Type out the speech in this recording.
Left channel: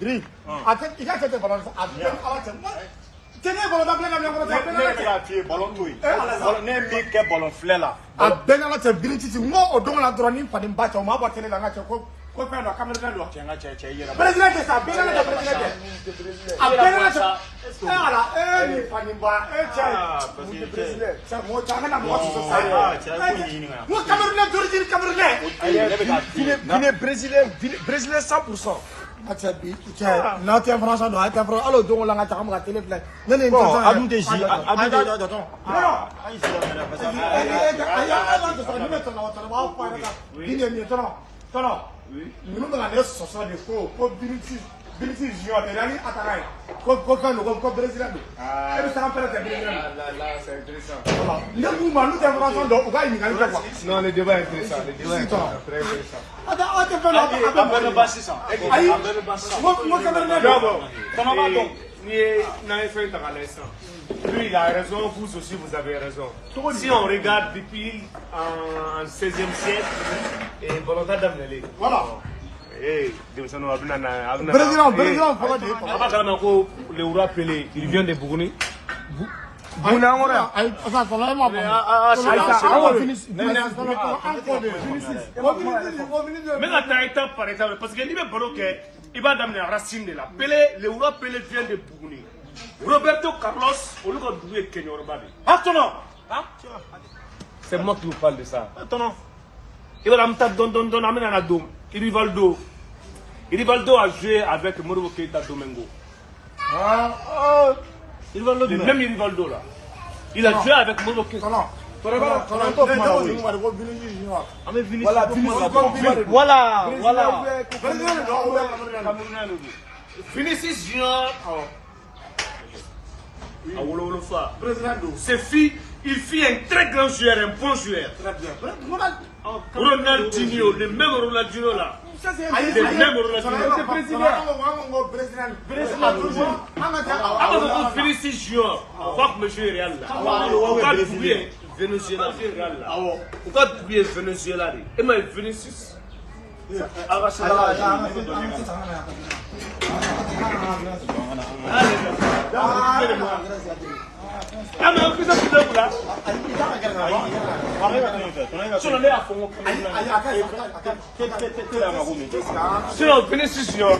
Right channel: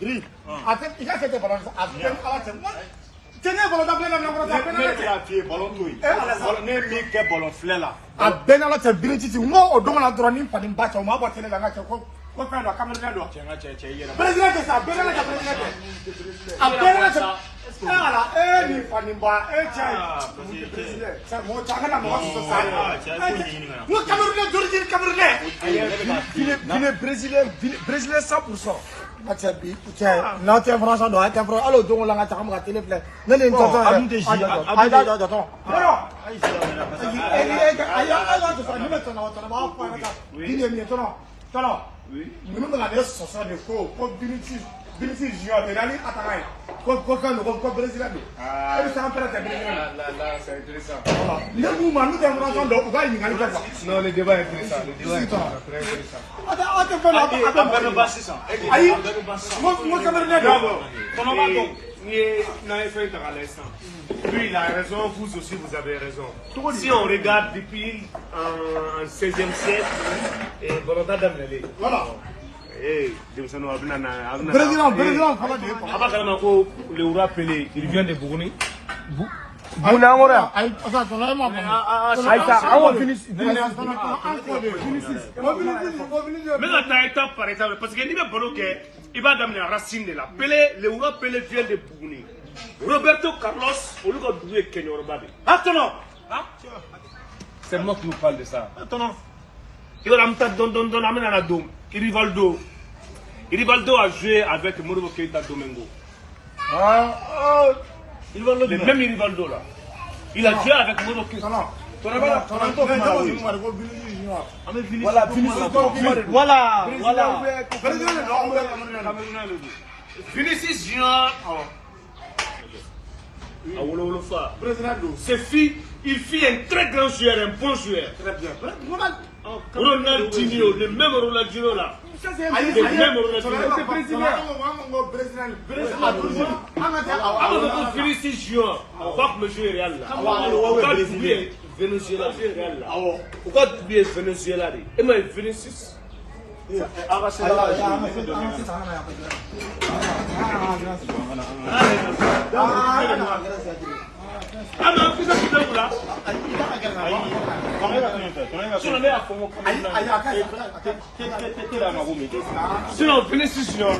Gris. Il a fait des ballons à peine à la tête. Tenez, ballon d'appel, ballon fleur là. À peine à la tête, Billy, moi, au don la droning, pas de battre, on m'a battu la gâte. Quoi faire la caméra de l'eau? Président, c'est ça, président, à peine à la tête. Voilà, Panimba, c'est moi, Brésilien 100%. Now tu es français, alors donc on l'a la téléphone. Non, Non, le débat est intéressant. Le débat est très intéressant. Lui, il a raison, vous aussi, vous avez raison. Si on regarde depuis en 16e siècle, Bolota Damnelé. Voilà. Président, le roi Pelé, il vient de Bourgogne. Mais attends, étape par étape, parce que l'Ibé Boloké, il va d'amener la racine de la Pelé, le roi Pelé vient de Bourgogne. Roberto Carlos, au lieu de jouer Kenya Orbabi. Attends, c'est moi qui vous parle de ça. Attends, il va amener la dôme. Rivaldo a joué avec Modibo Keïta Domingo. Le même Rivaldo là. Il a joué avec Modibo Keïta. Vinicius Junior. Il fit un très grand joueur, un bon joueur. Très bien. Ronaldinho, le même Ronaldinho là. Le même Ronaldinho. C'est brésilien. Vinicius Junior. Pas que monsieur Real là. Pourquoi oublier Venezuela Real là? Pourquoi oublier Venezuela? Et moi Vinicius. Sinon, Vinicius Junior.